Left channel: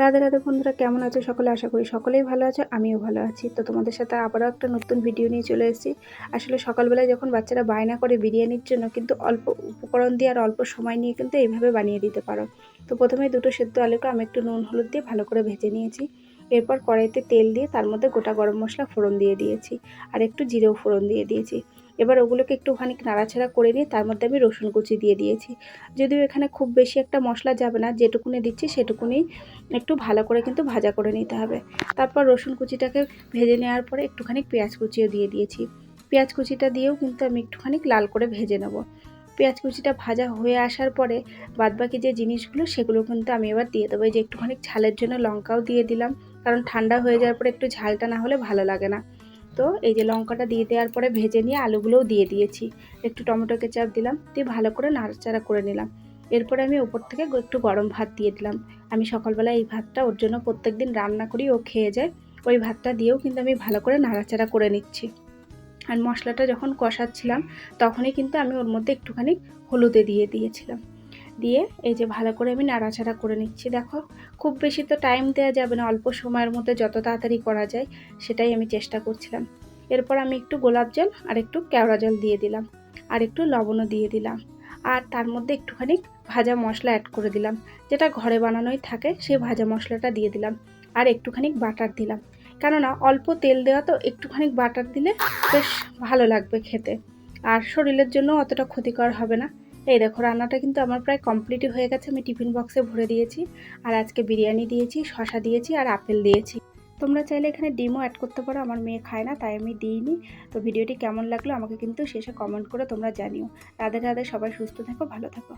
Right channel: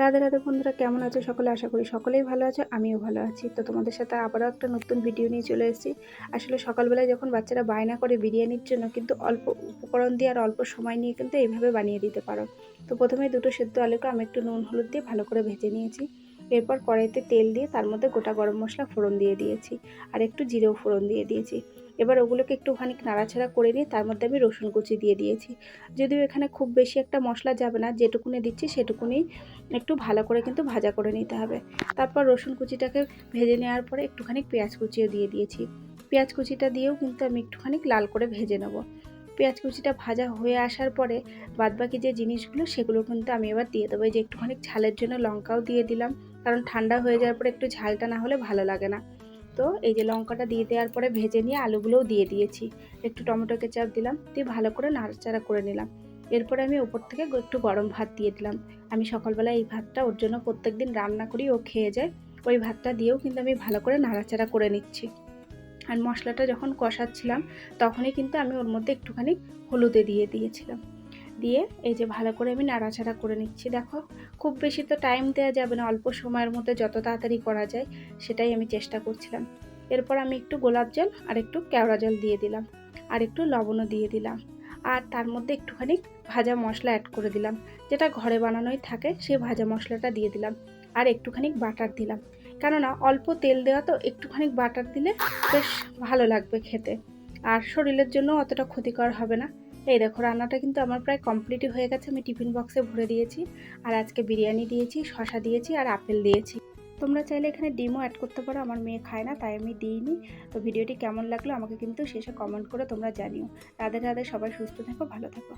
রাধে রাধে বন্ধুরা, কেমন আছো সকলে? আশা করি সকলেই ভালো আছো, আমিও ভালো আছি। তো তোমাদের সাথে আবারও একটা নতুন ভিডিও নিয়ে চলে এসেছি। আসলে সকালবেলায় যখন বাচ্চারা বায়না করে বিরিয়ানির জন্য, কিন্তু অল্প উপকরণ দিয়ে আর অল্প সময় নিয়ে কিন্তু এইভাবে বানিয়ে দিতে পারো। তো প্রথমে দুটো সেদ্ধ আলুকে আমি একটু নুন হলুদ দিয়ে ভালো করে ভেজে নিয়েছি। এরপর কড়াইতে তেল দিয়ে তার মধ্যে গোটা গরম মশলা ফোড়ন দিয়ে দিয়েছি, আর একটু জিরেও ফোড়ন দিয়ে দিয়েছি। এবার ওগুলোকে একটুখানি নাড়াচাড়া করে নিয়ে তার মধ্যে আমি রসুন কুচি দিয়ে দিয়েছি। যদিও এখানে খুব বেশি একটা মশলা যাবে না, যেটুকুনি দিচ্ছি সেটুকুনি একটু ভালো করে কিন্তু ভাজা করে নিতে হবে। তারপর রসুন কুচিটাকে ভেজে নেওয়ার পরে একটুখানি পেঁয়াজ কুচিও দিয়ে দিয়েছি। পেঁয়াজ কুচিটা দিয়েও কিন্তু আমি একটুখানি লাল করে ভেজে নেব। পেঁয়াজ কুচিটা ভাজা হয়ে আসার পরে বাদবাকি যে জিনিসগুলো সেগুলো কিন্তু আমি এবার দিয়ে দেবো। এই যে একটুখানি ঝালের জন্য লঙ্কাও দিয়ে দিলাম, কারণ ঠান্ডা হয়ে যাওয়ার পরে একটু ঝালটা না হলে ভালো লাগে না। তো এই যে লঙ্কাটা দিয়ে দেওয়ার পরে ভেজে নিয়ে আলুগুলোও দিয়ে দিয়েছি, একটু টমেটো কেচাপ দিলাম, দিয়ে ভালো করে নাড়াচাড়া করে নিলাম। এরপরে আমি ওপর থেকে একটু গরম ভাত দিয়ে দিলাম। আমি সকালবেলা এই ভাতটা ওর জন্য প্রত্যেক দিন রান্না করি, ও খেয়ে যায়। ওই ভাতটা দিয়েও কিন্তু আমি ভালো করে নাড়াচাড়া করে নিচ্ছি। আর মশলাটা যখন কষাচ্ছিলাম তখনই কিন্তু আমি ওর মধ্যে একটুখানি হলুদে দিয়ে দিয়েছিলাম। দিয়ে এই যে ভালো করে আমি নাড়াচাড়া করে নিচ্ছি। দেখো, খুব বেশি তো টাইম দেওয়া যাবে না, অল্প সময়ের মধ্যে যত তাড়াতাড়ি করা যায় সেটাই আমি চেষ্টা করছিলাম। এরপর আমি একটু গোলাপ জল আর একটু কেওড়া জল দিয়ে দিলাম, আর একটু লবণও দিয়ে দিলাম, আর তার মধ্যে একটুখানি ভাজা মশলা অ্যাড করে দিলাম, যেটা ঘরে বানানোই থাকে সেই ভাজা মশলাটা দিয়ে দিলাম, আর একটুখানি বাটার দিলাম। কেননা অল্প তেল দেওয়া তো, একটুখানি বাটার দিলে বেশ ভালো লাগবে খেতে, আর শরীরের জন্য অতটা ক্ষতিকর হবে না। এই দেখো, রান্নাটা কিন্তু আমার প্রায় কমপ্লিটই হয়ে গেছে। আমি টিফিন বক্সে ভরে দিয়েছি, আর আজকে বিরিয়ানি দিয়েছি, শসা দিয়েছি, আর আপেল দিয়েছি। তোমরা চাইলে এখানে ডিমও অ্যাড করতে পারো, আমার মেয়ে খায় না তাই আমি দিইনি। তো ভিডিওটি কেমন লাগলো আমাকে কিন্তু শেষে কমেন্ট করে তোমরা জানিও। রাধে রাধে, সবাই সুস্থ থেকো, ভালো থেকো।